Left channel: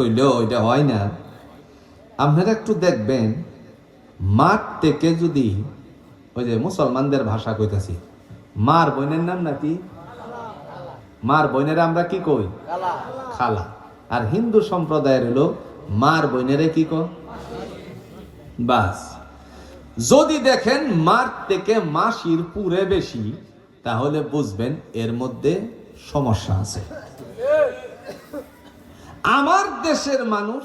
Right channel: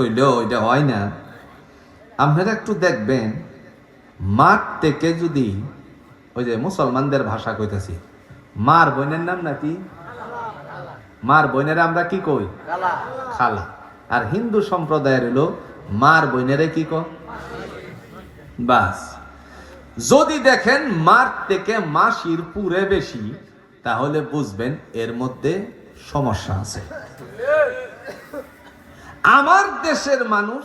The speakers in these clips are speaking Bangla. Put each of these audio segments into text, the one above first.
কইলেও এটা হয় না। আপনারা একটু দেখবেন, মাঠ থেকে যদি ওই যে মুসলমানদের ভাষা কইতেছি, মার বোনের নাম নাকি, মার বোনের আমরা কি কই, খালা। আর হিন্দু সম্প্রদায়ের হলো মার বোনেরে কি কয়, বাস। যদি দেখেন মার থেকে মাসির পুরে বেশি, তাহলে বুঝবেন এর মধ্যে সমস্যা আছে। আমার দেশের মানুষ,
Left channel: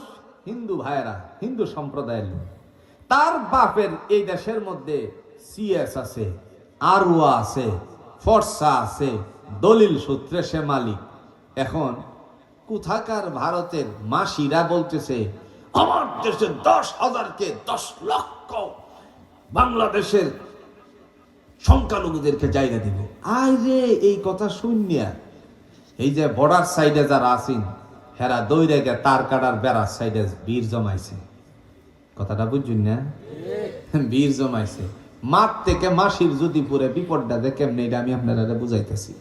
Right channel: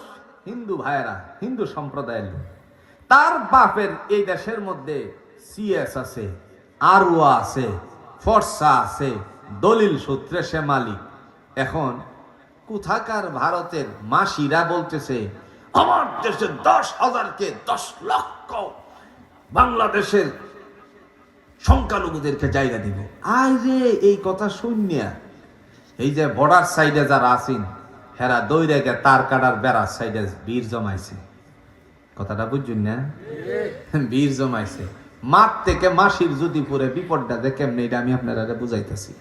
হিন্দু ভাইয়েরা, হিন্দু সম্প্রদায়ের লোক, তার বাপের এই দেশের মধ্যে সিএস আছে, আরওয়া আছে, ফর্সা আছে, দলিল সূত্রে সে মালিক। এখন কোথাকার ভারতের মাসিরা বলতেছে আমার দেশে 10,000-কে 10 লক্ষ বাংলাদেশের সংখ্যালঘুদেরকে জায়গা দিবে। আরে এই কথা শুনিয়া এই যে বর্ডার সাইডে যারা আছেন, হেরা দৌড়ে গে তার কাটার বেড়ার সাইডে বীর জমাইছে। কথাটা বুঝুন না, বীর জমাইছে। মাঠ থেকে মাসির যদি পুরে বিপদটা দেখেন, এটা আমি আপনারা বুঝাইতেছি।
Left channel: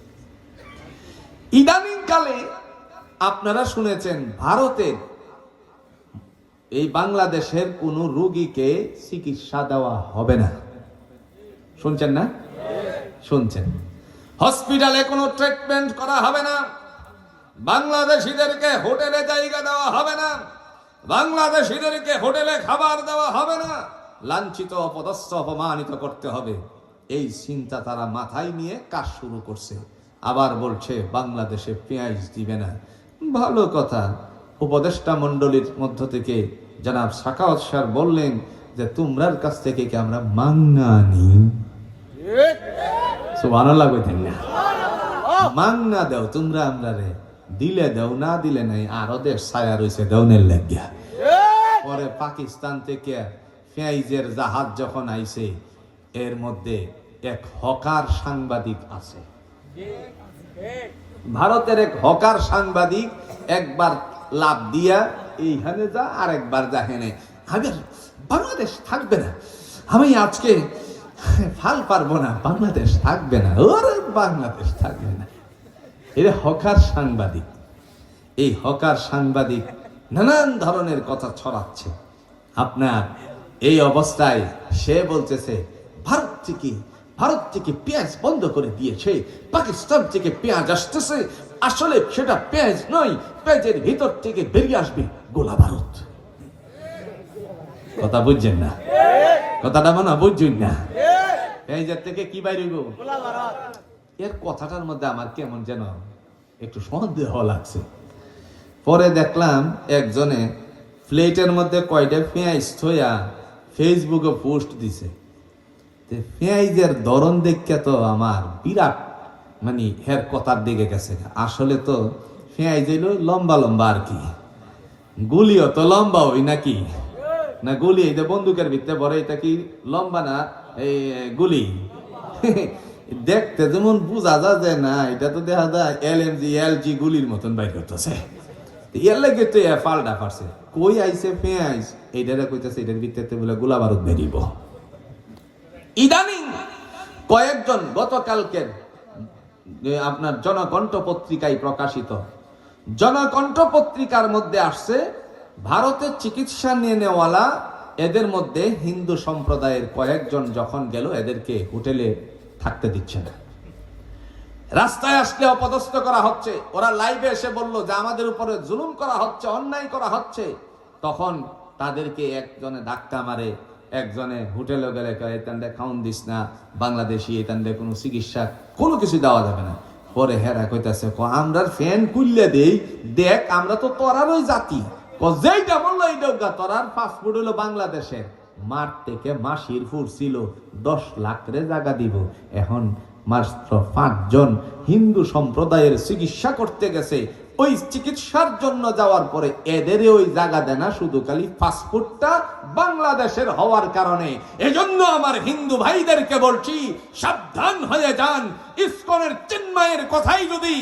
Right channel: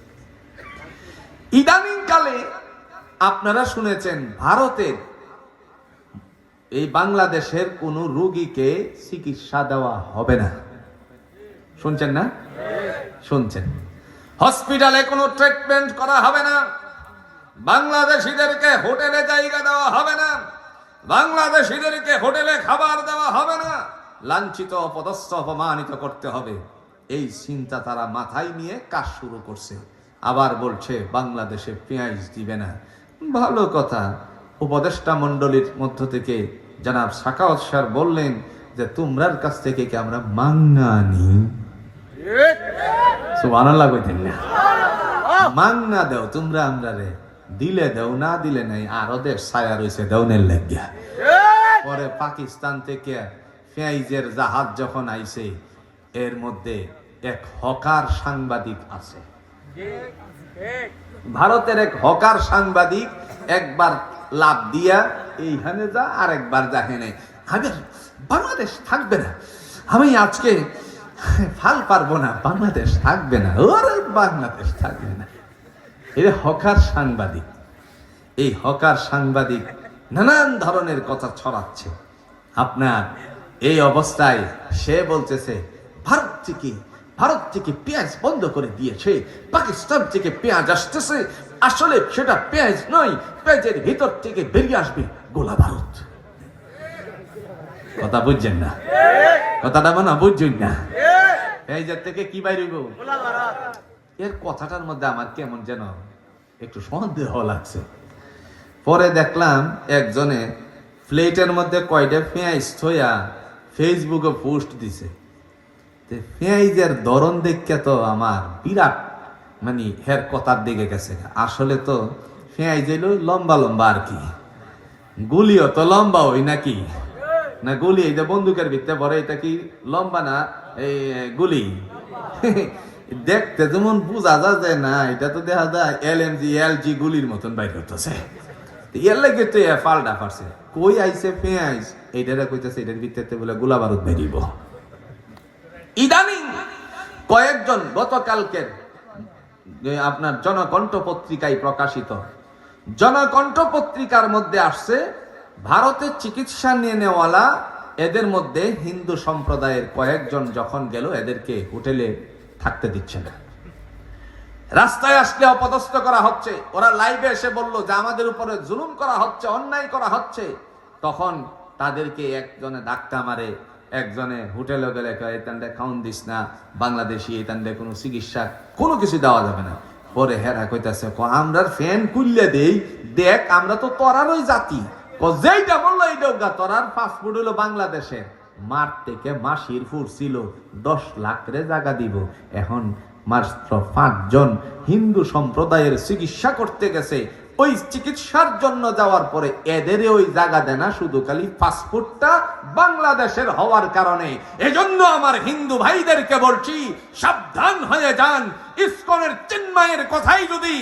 ইদানিং কালে আপনারা শুনেছেন ভারতের এই বাংলাদেশের কোন রোগীকে চিকিৎসা দেওয়া হবে না, শুনছেন না? শুনছেন। হসপিটালে কোনো ট্রিটমেন্ট করা হবে না, বাংলাদেশিদেরকে হোটেলে জায়গা দেওয়া হবে না, বাংলাদেশিদেরকে হোটেলে খাবার দেওয়া হবে না, লাঞ্ছিত, অপদস্থ, অপমানিত করতে হবে। এই চিন্তা তারা মাথায় নিয়ে কাজ শুরু করছে। আবার বলছে বাংলাদেশে পেঁয়াজ দিবে না। ভালো কথা, উপদেষ্টা মন্ডলীর মধ্য থেকে জনাব সাখাওয়াত স্যার বললেন যে তোমরার কাছ থেকে কি আমরা মাংনা নিই? সুবহানাল্লাহ কইতেন না, মাংনা দাও তোমরা, আমরা রে দিলে দাও, না দিলে নাই। আরো দেশ ছায়া রয়েছে দেওনের লাগিয়া। পরে পাকিস্তান থেকে পেঁয়াজের জাহাজ যখন আইছে, এর মধ্যে এক হকার সাংবাদিক আছে, ভারতের এক হকার সাংবাদিক একবার লাভ দিয়া এইখানে যা, আর একবার যাহেনে, আমি বাংলাদেশ থাকবে না, আমি আজকে ফাল পারবো না, বাংলাদেশ থাকবে না, ওরে বাংলাদেশ থাকবে না। এর হকার সাংবাদিক। এই হকার সাংবাদিক নানান ধরনের কথা ছড়াচ্ছে। আপনার এই অবস্থায় সে বলতেছে ভারত থেকে পেঁয়াজ বন্ধ করে দিয়েছে, পাকিস্তান থেকে পেঁয়াজ আসতেছে, আসলে সেটা পেঁয়াজ নয়, পেঁয়াজের ভিতর থেকে বেরিয়ে আসবে গোলা ভারত। কথা বুঝছেন না? কথাটা মনে বুঝছেন না? পেঁয়াজের থেকে কি বাইরিব? গোলা ভারত। এর কথাটার মধ্যে আমার কেমন যেন একটু সন্দেহ লাগছে। পরে দেখলাম একজনে প্লেটের মধ্যে কয়টা পেঁয়াজ থইয়া ফেসবুকে পোস্ট দিছে। পেঁয়াজের ধরন দেখে তো আমার বিরাট মানে হের কথার দিকে গেছে। আসলে তো পেঁয়াজ হইল লম্বা লম্বা আর কি, গুলিও তো লম্বা হই নাকি না, গুলি এই যে বন্দুকের ভিতরে ভরে, এটা কি লম্বা না এই গুলি? দেখতে যেমন বোঝা যায় না, এটা তো দেখা যায় LMG গুলির মতন বাইর করতেছে। এর লাগে তো ফালটা পারছে, কই আইছে পেঁয়াজ, এইটারে কইতেছে এটার ভিতরে বলে গোলা বারুদ বেরিব। ইদানিং কয়েকজন গতকালকের আপনার জনকণ্ঠ পত্রিকায় প্রকাশিত, জনকণ্ঠ পত্রিকার মধ্যে আসছে ভারতের চিকিৎসা নিয়ে নেওয়ালা, এদের মধ্যে হিন্দু সম্প্রদায়ের কয়েকজন যখন গেল, এদেরকে হোটেলে থাকতে দিচ্ছে না, রাস্তায় আসলে অপদস্থ করা হচ্ছে। ওরা লাইভে এসে বলল যে আমাদের উপরে জুলুম করা হচ্ছে, অন্যায় করা হচ্ছে। তখন তাদেরকে একজনে ধাক্কা মারে, একজনে হোটেলে গেলে এতান্ডে খাওন দিস না, বাংলাদেশি এতান্ডে কোনো চিকিৎসা কোনো কিছু দেওয়া যাবে না। পরে হেরা কইতাছে আমরা ফ্যান খুললে দেই, দেখ আমরা তো তোরারই জাতি, যেইটা বললো এইটা তোরার পাসপোর্ট হলো বাংলাদেশের। মার থেকে মাসির ফুর ছিল 10 লাখ রে জায়গা দিব। এখন মাত্র 5 জন হিন্দু সম্প্রদায়ের চিকিৎসা করতে গেছে, ওই চিকিৎসার জন্য যাওয়ার পরে এদের ওই জায়গা দেয় না, শুধু খালি পাসপোর্টটা বাংলাদেশের হওয়ার কারণে। এজন্য আমার হিন্দু ভাইদেরকে বলছি, সাবধান হয়ে যান। ইসকনের চিন্ময়ের কথাই যদি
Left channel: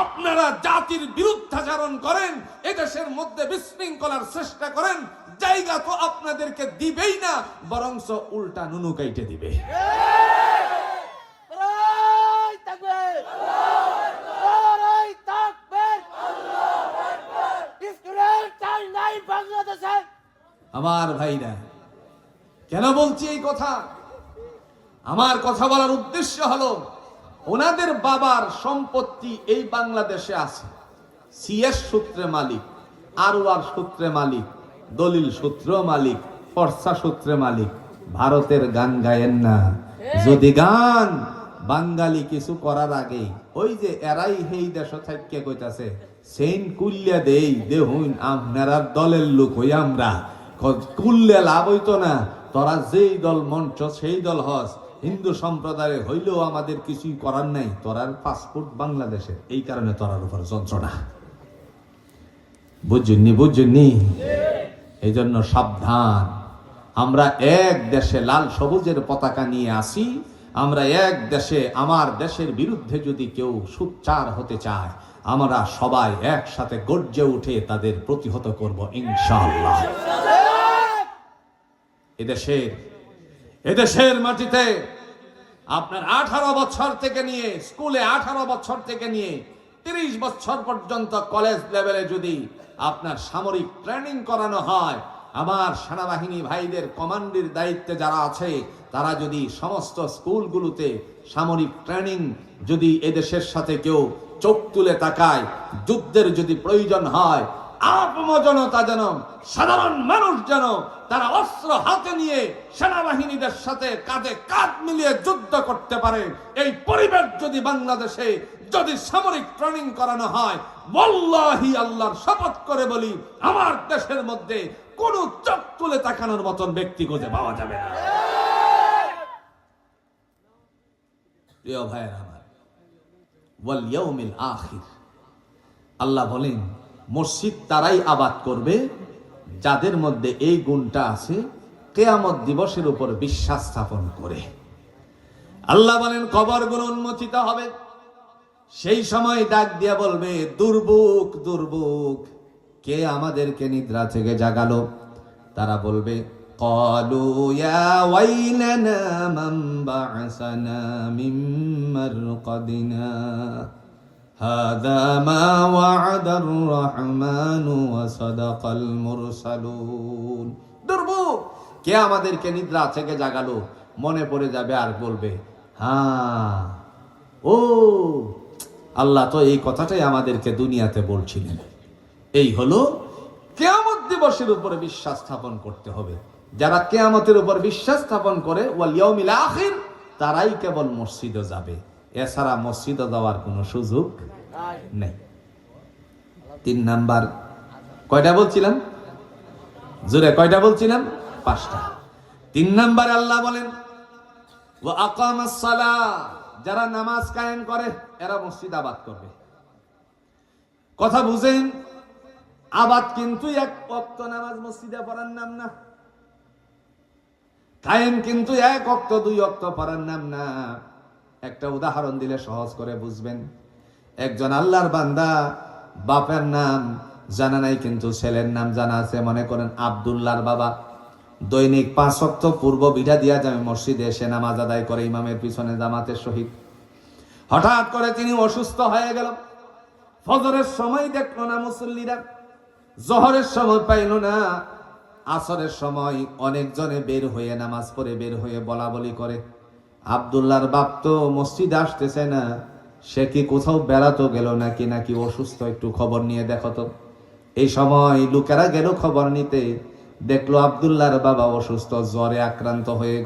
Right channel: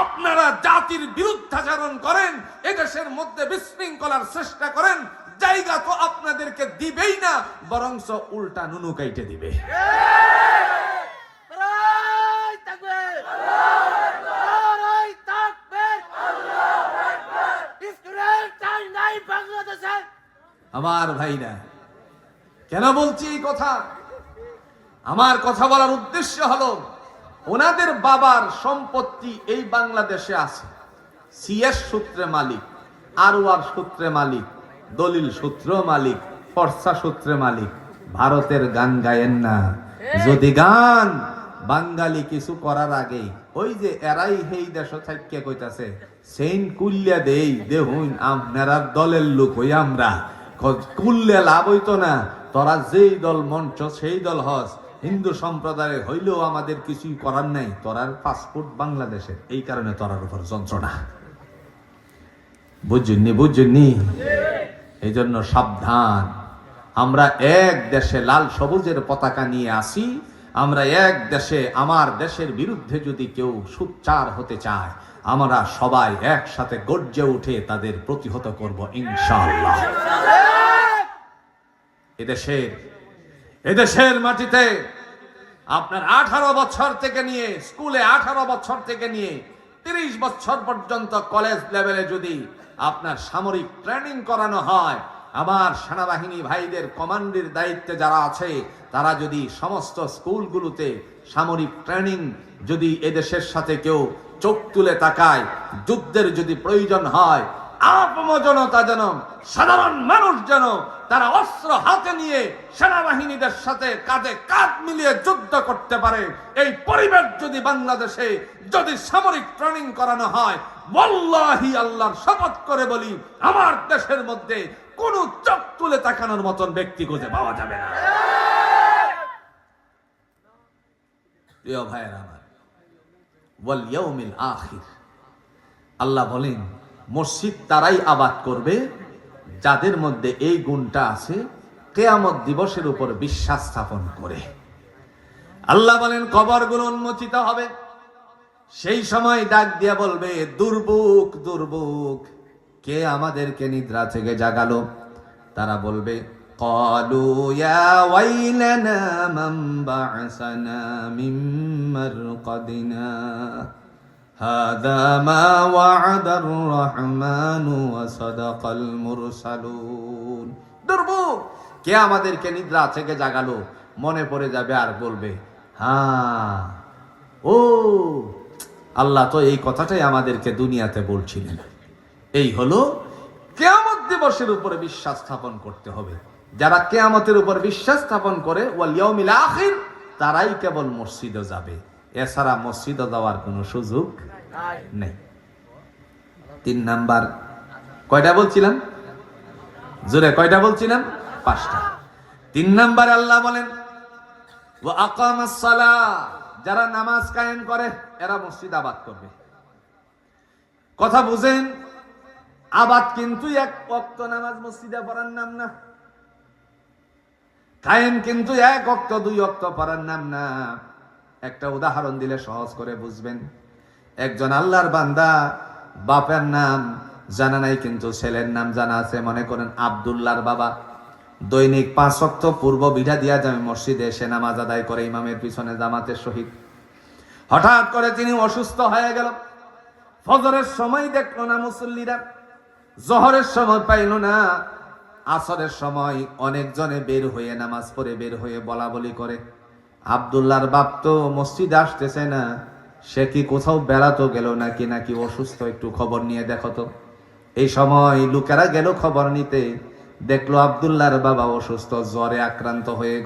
আপনারা জাতির বিরুদ্ধাচরণ করেন, এদেশের মধ্যে বিশৃঙ্খলার চেষ্টা করেন, জায়গা তো আপনাদেরকে দিবেই না, বরঞ্চ উল্টা নুনু কাইটে দিবে। বাংলাদেশে। আমার ভাইরা, কেন বলছি এই কথা? আমার কথা বলার উদ্দেশ্য হলো, ওনাদের বাবার সম্পত্তি এই বাংলাদেশে আছে। সিএস সূত্রে মালিক, আরওয়ার সূত্রে মালিক, দলিল সূত্র মালিক, ফরসা সূত্রে মালিক। ভারতের গান গায়েন না। যদি গান বাঙালি কিছু করার আগে ওই যে এরাই হেই দেশ থাইকে কইতাছে সেইন কুল্লা দেই দেহুন আপনারা দলের লোক হই আমরা কুল্লে লাভ হইতো না। তোরা যেই দল মঞ্চ সেই দল হস, হিন্দু সম্প্রদায় হইলেও আমাদের কিছুই করার নাই। তোরার পাসপোর্ট বাংলাদেশে, এই কারণে তোরার উপর যন্ত্রণা। বুঝুননি। এই জন্য সাবধান। আমরা এক দেশে লাল সবুজের পতাকা নিয়ে আসি। আমরা এক দেশে, আমার দেশের বিরুদ্ধে যদি কেউ সোচ্চার হতে চায়, আমরা সবাই একসাথে গর্জে উঠে তাদের প্রতিহত করব ইনশাআল্লাহ। এদেশের মাটিতে আপনার 18 বছর থেকে নিয়ে স্কুলে 18 বছর থেকে নিয়ে 30 বছর পর্যন্ত কলেজ লেভেলে যদি আপনার সামরিক ট্রেনিং করানো হয়, আমার সেনাবাহিনী ভাইদের কমান্ডের দায়িত্বে যারা আছে তারা যদি সমস্ত স্কুলগুলোতে সামরিক ট্রেনিং যদি এদেশের সাথে কেউ চোখ তুলে তাকায়, যুদ্ধের যদি প্রয়োজন হয়, আপমজনতা যেন, সাধারণ মানুষ যেন তারা অস্ত্র হাতে নিয়ে সেনাবাহিনীদের সাথে কাঁধে কাঁধ মিলিয়ে যুদ্ধ করতে পারে, এই পরিবেশ যদি বাংলাদেশে যদি সামরিক ট্রেনিং করানো হয়, ওয়াল্লাহি আল্লাহর শপথ করে বলি, আমার দেশের মধ্যে কোন চোখ তুলে তাকানোর মতন ব্যক্তি খুঁজে পাওয়া যাবে না। প্রিয় ভাইয়েরা আমার, ওয়াল ইয়াউমিল আখির, আল্লাহ বলেন মসজিদ তারাই আবাদ করবে যাদের মধ্যে এই গুণটা আছে, কিয়ামত দিবসের উপর বিশ্বাস স্থাপন করে। আল্লাহ বলেন কবরগুলো উন্মোচিত হবে, সেই সময় ডাক দিয়া বলবে দুর্ভোগ দুর্ভোগ, কে আমাদেরকে নিদ্রা থেকে জাগালো? তারা বলবে ক্বালু ইয়া ওয়াইলানা মান বা'সানা মিন মারকাদিনা হাযা মা ওয়া'দার রাহমানু ওয়া সাদাকাল মুরসালুন। দুর্ভোগ, কে আমাদেরকে নিদ্রা থেকে জাগালো? মনে পড়ে যাবে আর বলবে হ্যাঁ, ও আল্লাহ তো এই কথাটাই আমাদেরকে দুনিয়াতে বলছিলেন। এই হলো কিয়ামত দিবসের উপরে বিশ্বাস স্থাপন করতে হবে। যারা কিয়ামতের উপর বিশ্বাস স্থাপন করে ওয়াল ইয়াউমিল আখির, তারাই কেবল মসজিদে যাবে, এছাড়া মসজিদে যাওয়ার কোনো সুযোগ নেই। 3 নাম্বার কয়টা বলছিলাম? জোরে কয়টা বলছিলাম? 5টা। 3 নাম্বার আল্লাহ বলেন ওয়া আকামাস সালাহ, যারা নামাজ কায়েম করে এরা মসজিদ আবাদ করবে। কথা বুঝেন, আবাদ কিন্তু এক ওয়াক্ত নামাজ মসজিদে পড়ার নাম না। কায়েম কিন্তু এক ওয়াক্ত 2 ওয়াক্ত পড়ার নাম না। একটা উদাহরণ দিলে সহজ করে বুঝবেন। একজন আল্লাহর বান্দা, বাপের নাম জানা নাই কিন্তু ছেলের নাম জানা আছে। মনে করেন আব্দুল্লাহর বাবা দৈনিক 5 ওয়াক্ত পূর্ব বিধা দিয়া যাবে মসজিদে এসে নামাজ আদায় করে ইমামের পিছনে জামাতের সহিত। হঠাৎ করে তিনি অসুস্থ হয়ে গেল। ফজরের সময় দেখলো না মুসল্লিরা, জোহরের সময় পাইল না, আসরের সময় অনেকজনে বের হয়ে নামাজ পড়ে বের হয়ে বলা বলি করে আব্দুল্লাহর বাপ তো মসজিদে আসতেছে না, সে কি কোথাও বেড়াতো গেল নাকি নাকি অসুস্থ, একটু খবর নিয়ে দেখো তো। এই সময় লোকেরা গেল খবর নিতে, দেখলো আব্দুল্লাহর বাবা অসুস্থ, জ্বরে আক্রান্ত হয়ে